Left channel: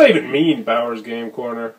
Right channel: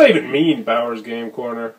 that even mean, Bowers Game Corner?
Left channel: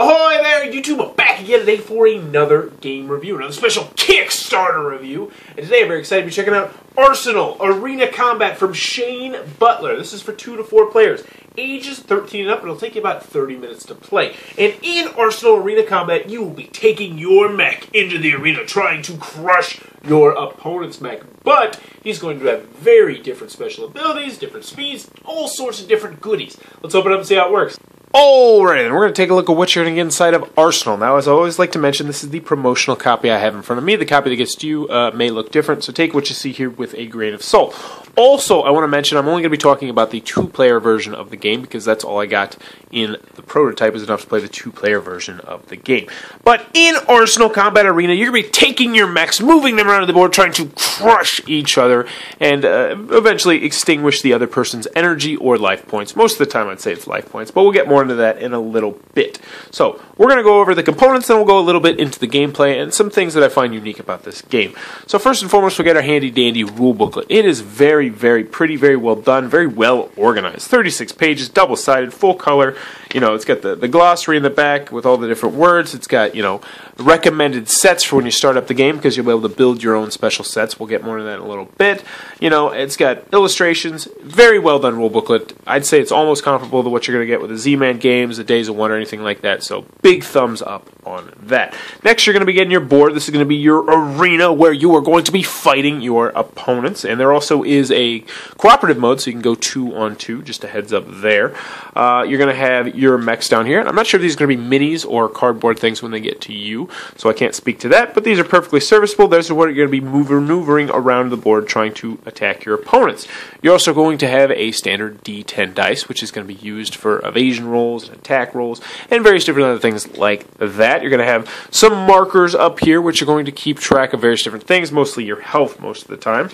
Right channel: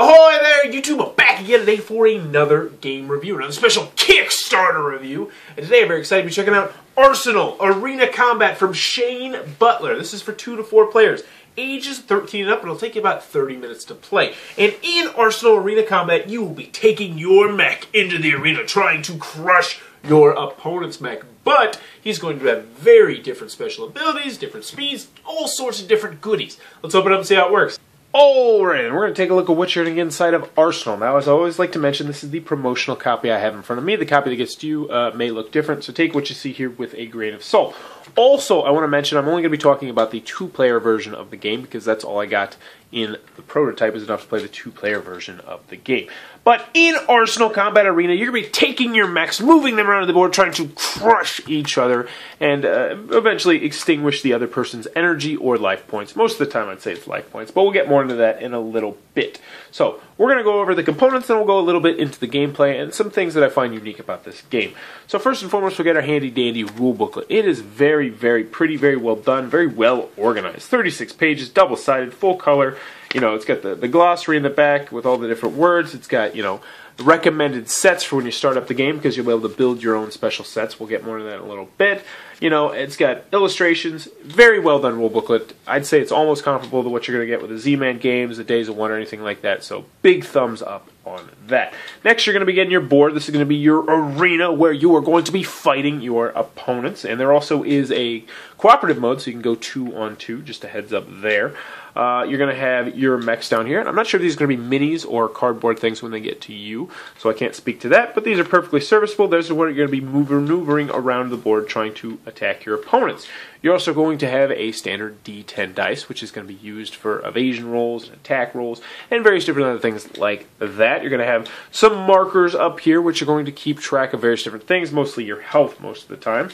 Ahoy there, YouTube! I'm back again today for another game review, another special Kickstarter review. And today I'm very excited to be checking out Arsenal Arena Combat from Shane Butler. This is for 2 to 4 players, ages 13 and up, and it'll take you about 30 minutes to play. And in Arsenal Arena Combat, you will be taking your mech into the arena, trying to crush your opponent's mech. But he's going to have very different special abilities, different speeds, all sorts of different goodies. Let's open it up and see how it works. Alright, and we're going to take a look at what you're going to get inside of Arsenal. Now, as I always like to mention, this is the promotional copy I have in front of me. The copy that gets to you may look different, so take what you see here with a grain of salt. Also, I want to mention I'm only going to be talking about the 2-player version of the game because that's all I got in the prototype is enough to play the 2-player version of the game. But in Arsenal Combat Arena, you're going to be taking your mechs, moving them around the board, trying to crush each other, and eventually extinguish the other person's energy or life points. Most of the time I'd say it's life points, but we'll get more into that in a little bit. So, we're going to go over the components, then we'll go a little bit into the gameplay and some things that I find unique about this game. So first and foremost, we'll get our handy-dandy rule booklet. It is very, very pretty, very well done, very well organized. 36 pages, double-sided, full color. You know, it's got the glossary in the back with all the different words. It's got, you know, recommended sets for when you start up the game because you'll be able to build your own special sets. We'll get more into that in a little bit. You know, it's got illustrations, very well done rule booklet. I'd say it's almost comparable to what you're going to get with the Z-Man games, the Days of Wonder, anything like that. So big thumbs up on that. Next, you're going to be getting your board. This is going to be your arena where you are going to be fighting your opponents. And there also is a cooperative mode, so you can go 2-on-2, just a heads up there. You're going to have your mechs down here. I'm not sure if these are going to be minis or cardboard things when they get to you, so I can't speak to that, but these are perfectly serviceable. Those are what you're going to be maneuvering around the board trying to attack your opponents. You're also going to have a standard D10 dice, which is going to be used for evasion rolls and attack rolls and various different other things like that. You're going to have some markers up here, which are going to keep track of various different things, mostly your health most of the time.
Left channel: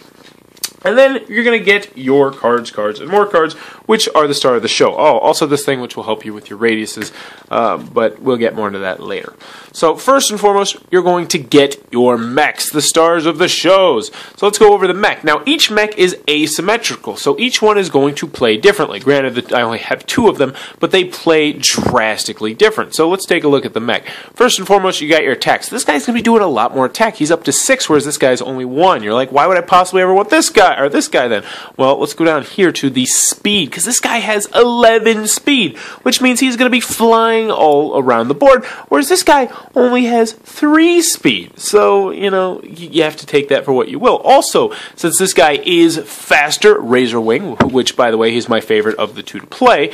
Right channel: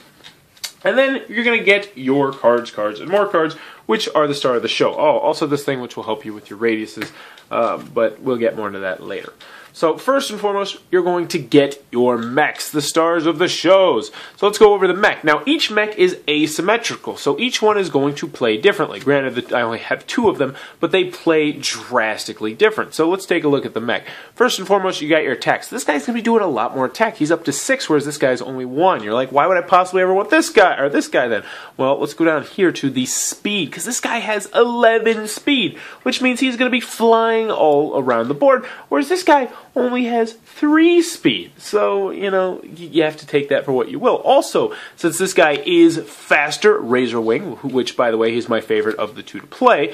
And then you're going to get your cards, and more cards, which are the star of the show. Oh, also this thing which will help you with your radiuses, but we'll get more into that later. So first and foremost, you're going to get your mechs, the stars of the shows. So let's go over the mech. Now, each mech is asymmetrical, so each one is going to play differently. Granted that I only have 2 of them, but they play drastically different. So let's take a look at the mech. First and foremost, you got your attacks. This guy's going to be doing a lot more attack. He's up to 6, whereas this guy's only 1. You're like, why would I possibly ever want this guy, or this guy then? Well, let's go down here to the speed, because this guy has 11 speed, which means he's going to be flying all around the board, whereas this guy only has 3 speed. So, you know, you have to take that for what you will. Also, since this guy is faster, Razor Wing, which, by the way, he's my favorite of the 2 to play,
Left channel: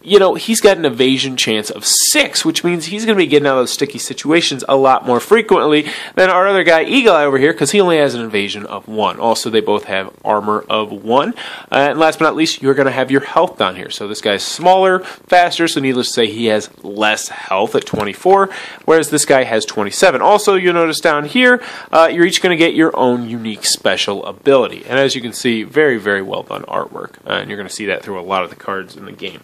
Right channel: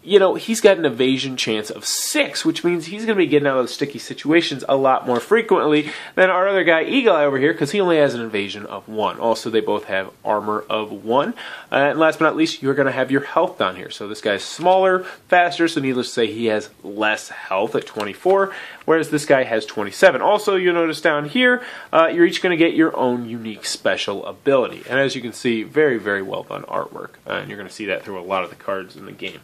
you know, he's got an evasion chance of 6, which means he's going to be getting out of those sticky situations a lot more frequently than our other guy, Eagle Eye, over here, because he only has an evasion of 1. Also, they both have armor of 1. And last but not least, you're going to have your health down here. So this guy's smaller, faster, so needless to say, he has less health at 24, whereas this guy has 27. Also, you'll notice down here, you're each going to get your own unique special ability. And as you can see, very, very well done artwork. And you're going to see that through a lot of the cards in the game.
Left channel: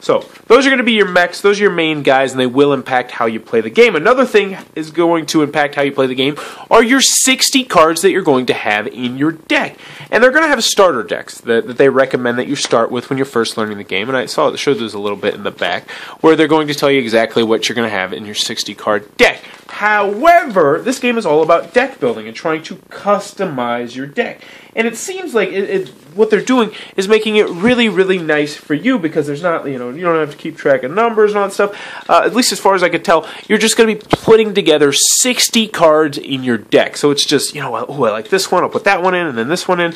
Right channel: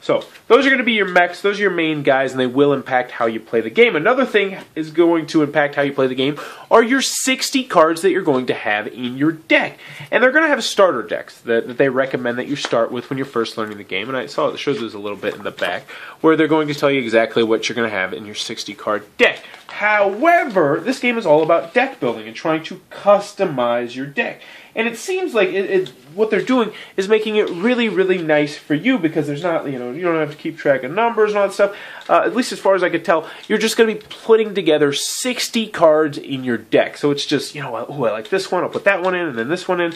So, those are going to be your mechs, those are your main guys, and they will impact how you play the game. Another thing is going to impact how you play the game are your 60 cards that you're going to have in your deck. And they're going to have starter decks that they recommend that you start with when you're first learning the game. And I saw it shows this a little bit in the back, where they're going to tell you exactly what you're going to have in your 60-card deck. However, this game is all about deck building and trying to customize your deck. And it seems like what they're doing is making it really, really nice for you because there's not, you know, you don't have to keep track of numbers and all that stuff. At least as far as I could tell, you're just going to be putting together 60 cards in your deck. So it's just, you know, oh, I like this one, I'll put that one in, and then this one in.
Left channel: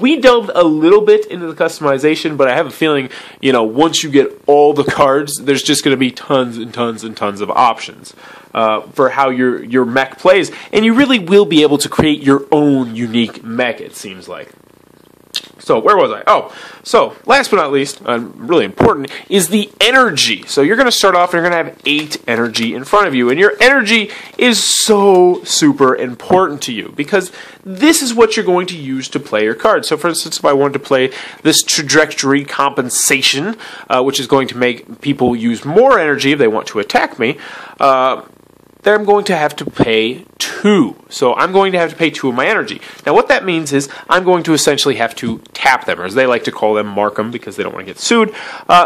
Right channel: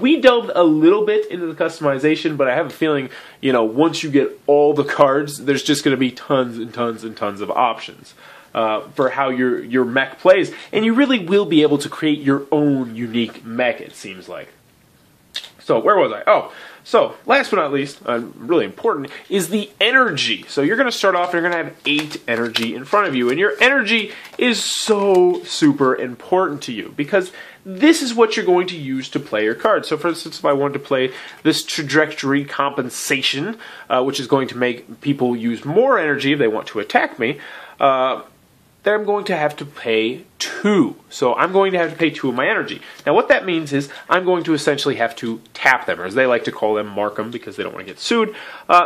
We delved a little bit into the customization, but I have a feeling, you know, once you get all the cards, there's just going to be tons and tons and tons of options. For how your mech plays, and you really will be able to create your own unique mech, it seems like. So, where was I? Oh, so, last but not least, really important, is the energy. So you're going to start off and you're going to have 8 energy in front of you, and your energy is so super important to you, because this is what you're going to use to play your cards. So for instance, if I wanted to play this trajectory compensation, which is going to make people use more energy if they want to attack me, then I'm going to have to pay 2. So I'm going to have to pay 2 of my energy. Now what that means is I'm going to essentially have to tap them, or as they like to call them, mark them, because they don't want to get sued,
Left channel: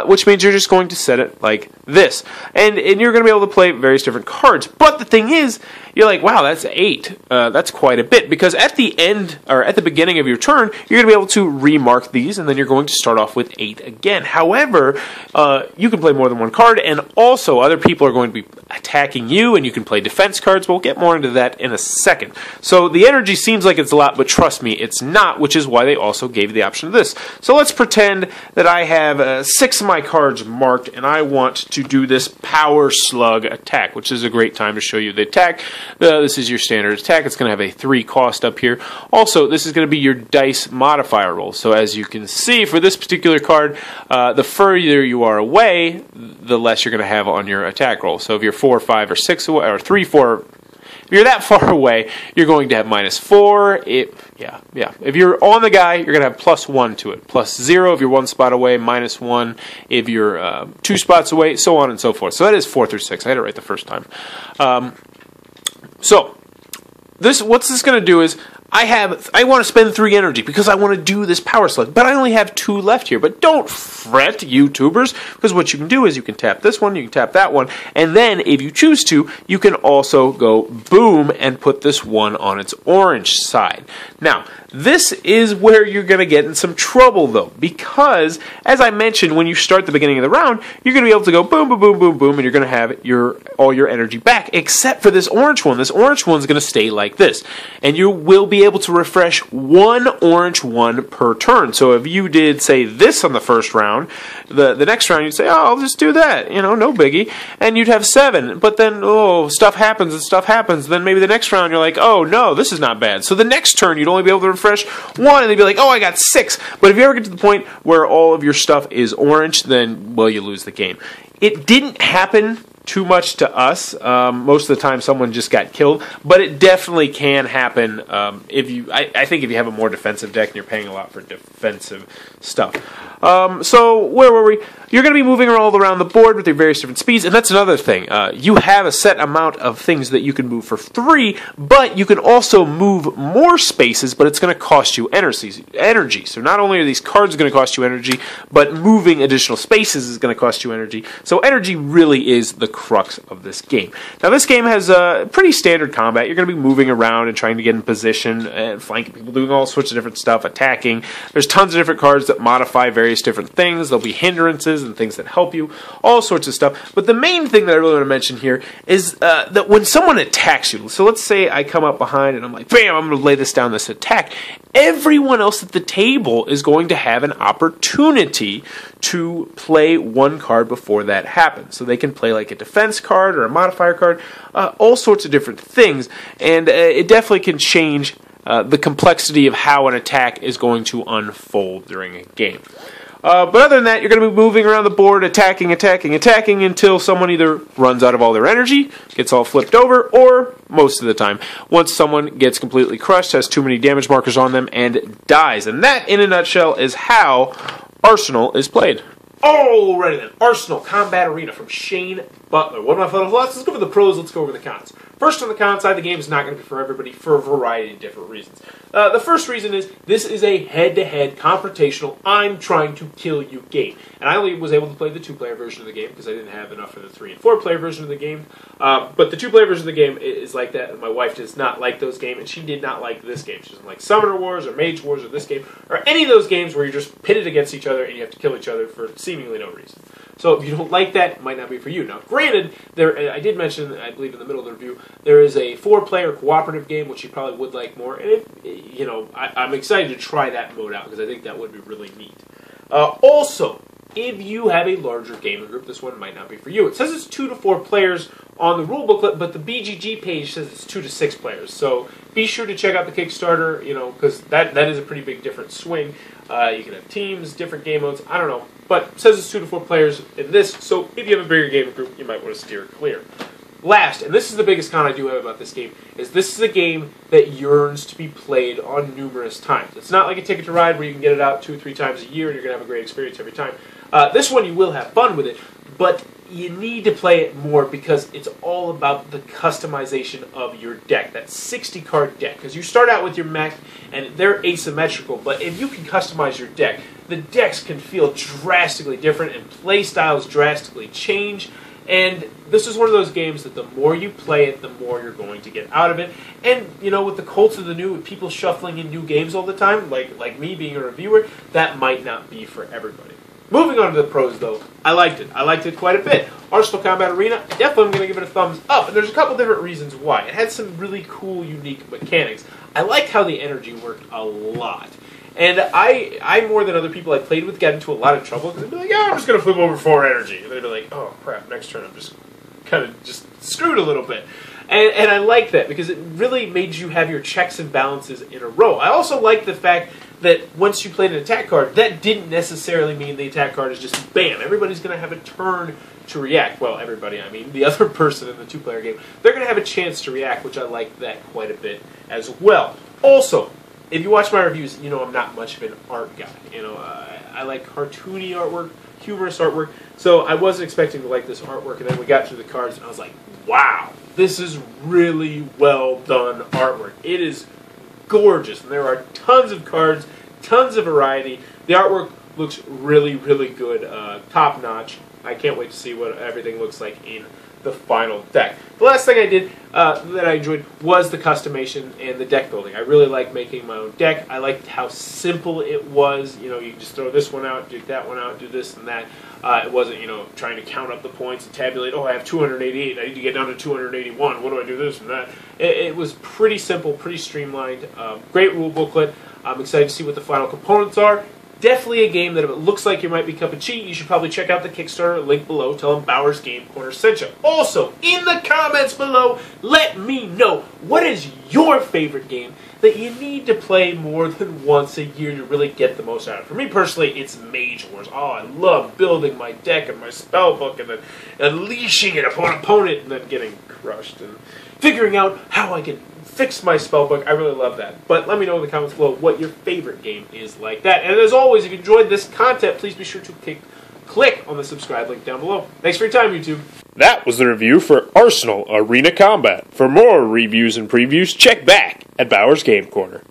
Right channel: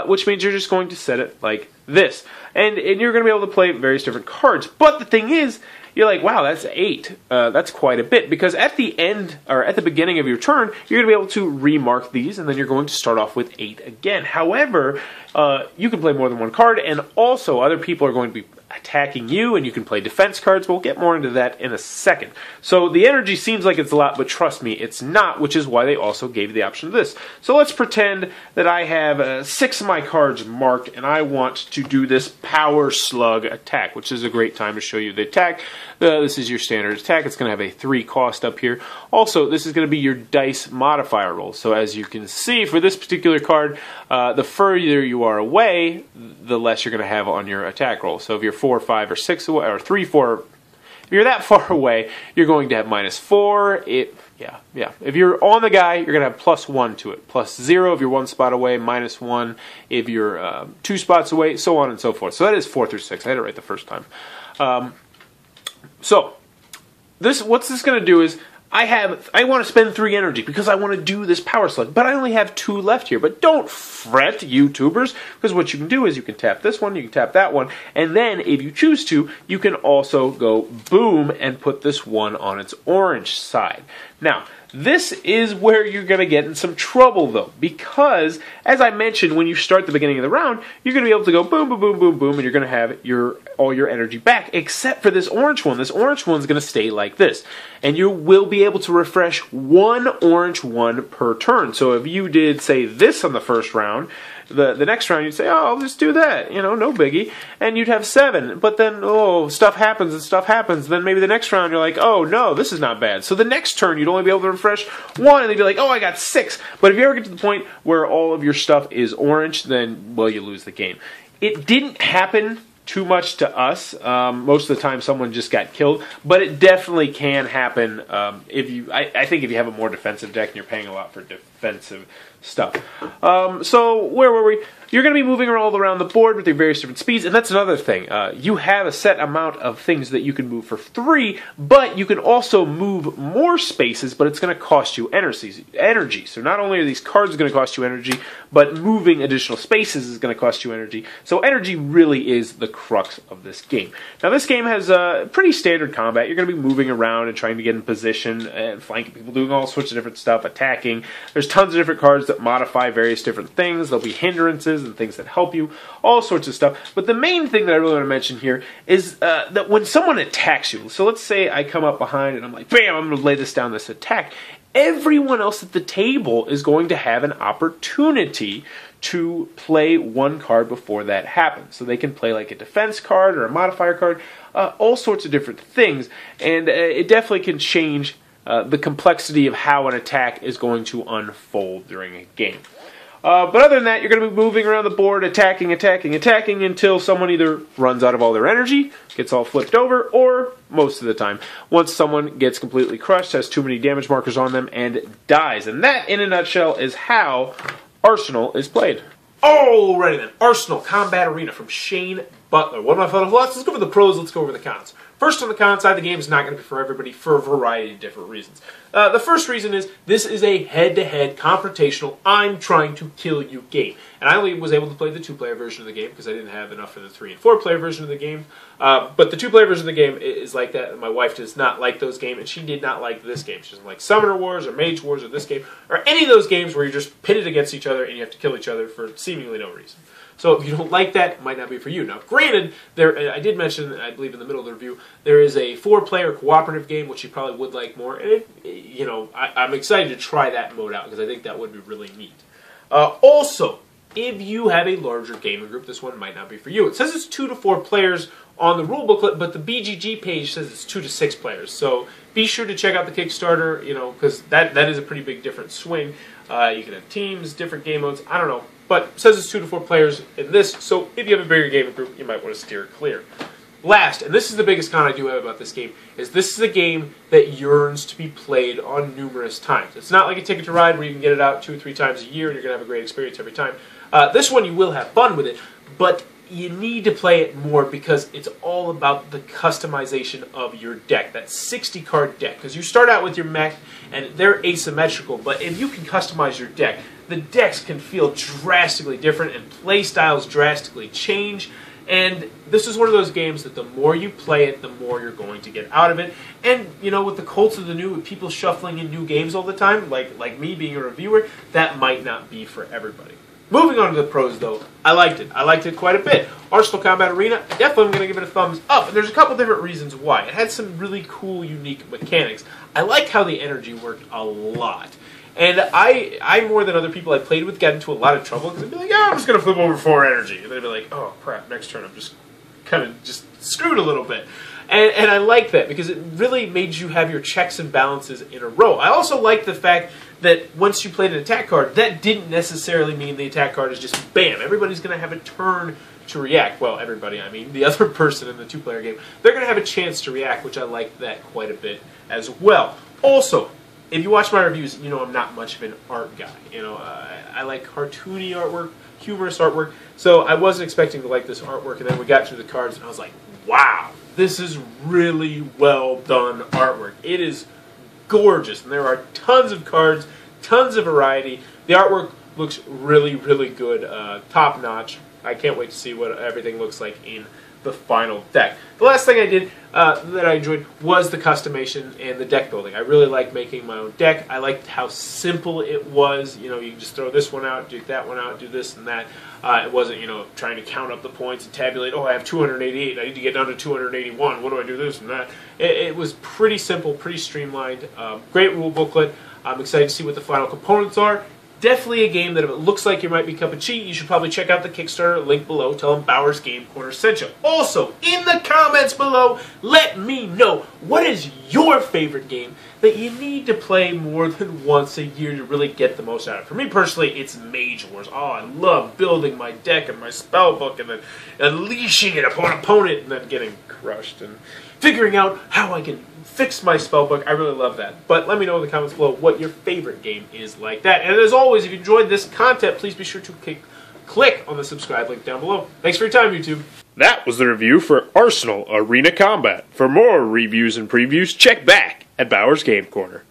which means you're just going to set it like this. And you're going to be able to play various different cards. But the thing is, you're like, wow, that's 8. That's quite a bit, because at the end, or at the beginning of your turn, you're going to be able to remark these, and then you're going to start off with 8 again. However, you can play more than one card, and also other people are going to be attacking you, and you can play defense cards. We'll get more into that in a second. So the energy seems like it's a lot, but trust me, it's not, which is why they also gave you the option of this. So let's pretend that I have 6 of my cards marked, and I want to do this Power Slug attack, which is a great time to show you the attack. This is your standard attack. It's going to have a 3 cost up here. Also, this is going to be your dice modifier roll. So as you can see, for this particular card, the further you are away, the less you're going to have on your attack roll. So if you're 4, 5, or 6 away, or 3, 4, if you're that far away, you're going to have -4. If you're on the guy, you're going to have +1 to it. +0 if you're 1 spot away, -1 if you're 2 spots away, so on and so forth. So that is 4 through 6. I had it right the first time. So, what's this going to do is, I want to spend 3 energy because I want to do this Power Slug, but I only have 2 left here. But don't fret, YouTubers, because what you can do is you can tap this one, you can tap that one, and then if you choose to, you can also go boom and put this one on its orange side. Now, this is where you're going to get in some trouble, though, because, as I mentioned, when you start the beginning of the round, you're going to be able to go boom, boom, boom, boom, boom, and you're going to have all your energy back, except for this orange one. This orange one's going to stay like this, and you will be able to refresh 1 orange one per turn. So if you did, say, this on the first round, the next round you'd say, oh, I'll just do that, no biggie, and you'd have 7, but then, stuff happens and stuff happens, then maybe the next round you're like, oh, no, this is not bad. So the next turn you'd only be able to refresh 1, and they'd be like, oh, I got 6. But if you ever get to the point where all of your stuff is orange, then, well, you lose the game. It didn't happen too much to us. Most of the time someone just got killed, but it definitely can happen I think if you have a more defensive deck and you're paying a lot for defensive stuff. So where were we? You're going to be moving all around the board with your various different speeds, and that's another thing. You have a set amount of things that you can move for 3, but you can also move more spaces, but it's going to cost you energy. So not only are these cards going to cost you energy, but moving additional spaces is going to cost you energy. So energy really is the crux of this game. Now this game has pretty standard combat. You're going to be moving around and trying to get in position and flanking people, doing all sorts of different stuff, attacking. There's tons of different cards that modify various different things. There'll be hindrances and things that help you, all sorts of stuff. But the main thing that I really want to mention here is that when someone attacks you, so let's say I come up behind and I'm like, bam, I'm going to lay this down, this attack, everyone else at the table is going to have an opportunity to play 1 card before that happens. So they can play like a defense card or a modifier card, all sorts of different things, and it definitely can change the complexity of how an attack is going to unfold during a game. But other than that, you're going to be moving around the board, attacking until someone either runs out of all their energy, gets all flipped over, or, most of the time, once someone gets completely crushed, has too many damage markers on them, and dies. And that, in a nutshell, is how Arsenal is played. Alrighty then, Arsenal Combat Arena from Shane Butler. What am I photo? Let's go over the pros, let's go over the cons. First, on the con side, the game is not going to be for everybody for a variety of different reasons. The first reason is this is a head-to-head confrontational, I'm trying to kill you game. And I only was able to play the 2-player version of the game because I didn't have enough for the 3- and 4-player version of the game. But the 2-player version of the game is like that. My wife does not like those games, and she did not like this game. She doesn't like Summoner Wars or Mage Wars or this game, or any of those games where you're just pitted against each other and you have to kill each other for seemingly no reason. So if you don't like that, it might not be for you. Now, granted, I did mention, I believe in the middle of the review, there is a 4-player cooperative game, which you probably would like more. And I'm excited to try that mode out because I think that would be really neat. Also, if you have a larger gaming group, this one might not be for you. It says it's 2 to 4 players on the rule booklet, but the BGG page says it's 2 to 6 players. So be sure to check out the Kickstarter, because that is a pretty big different swing. You can have teams, different game modes, I don't know. But it says it's 2 to 4 players in this, so if you have a bigger gaming group, you might want to steer clear. Last, and this is the biggest con I do have about this game, is this is a game that yearns to be played on numerous times. It's not like a Ticket to Ride where you can get it out 2 or 3 times a year and you're going to have a great experience every time. This one you will have fun with it, but you need to play it more because it's all about the customization of your deck, that 60-card deck. Because you start out with your mech, and they're asymmetrical, but if you can customize your deck, the decks can feel drastically different, and play styles drastically change. And this is one of those games that the more you play it, the more you're going to get out of it. And, you know, with the Colts of the New, with people shuffling in new games all the time, like me being a reviewer, that might not be for everybody. Moving on to the pros, though, I liked it. I liked it quite a bit. Arsenal Combat Arena, definitely I'm going to give it a thumbs up. And there's a couple different reasons why. It had some really cool, unique mechanics. I liked how the energy worked a lot. And I more than other people I played with, got into a lot of trouble because they'd be like, yeah, I'm just going to flip over 4 energy. And they'd be like, oh, crap, next turn I'm just kind of just screwed a little bit. And I like that because it really made you have your checks and balances in a row. I also like the fact that once you played an attack card, that didn't necessarily mean the attack card is just bam. Everybody's going to have a turn to react. Well, everybody, I mean the other person in the 2-player game. They're going to have a chance to react, which I like that quite a bit as well. Also, if you watch my reviews, you know I'm not much of an art guy. You know, I like cartoony artwork, humorous artwork. So I wasn't expecting to like this artwork, and then we got to the cards, and I was like, wow, this is really well done artwork. It is gorgeous, and there are tons of cards, tons of variety. The artwork looks really, really good, top notch. I can't wait to see what everything looks like in the final deck. The last thing I did that I enjoyed was the customization and the deck building. I really liked making my own deck. I liked how simple it was. You know, you can just throw this one out, do that one out, do this and that. It wasn't, you know, trying to count up the points and tabulate, oh, I have 288, I need to get down to 281, what do I do this and that? It was pretty simple, pretty streamlined, great rule booklet. I'm excited to see what the final components are. Definitely a game that if it looks like you might be cup of tea, you should probably check out the Kickstarter link below. Tell them Bowers Game Corner sent you. Also, in the comments below, let me know what is your favorite game that you need to play more than once a year to really get the most out of it. For me personally, it's Mage Wars. Oh, I love building my deck and my spell book and then unleashing it upon an opponent and then getting crushed and figuring out how I can fix my spellbook. I really love that. But let me know in the comments below what your favorite game is like that. And as always, if you enjoyed this content, please be sure to click on the subscribe link down below. Thanks for your time, YouTube. That was the review for Arsenal Arena Combat. For more reviews and previews, check back at Bowers Game Corner.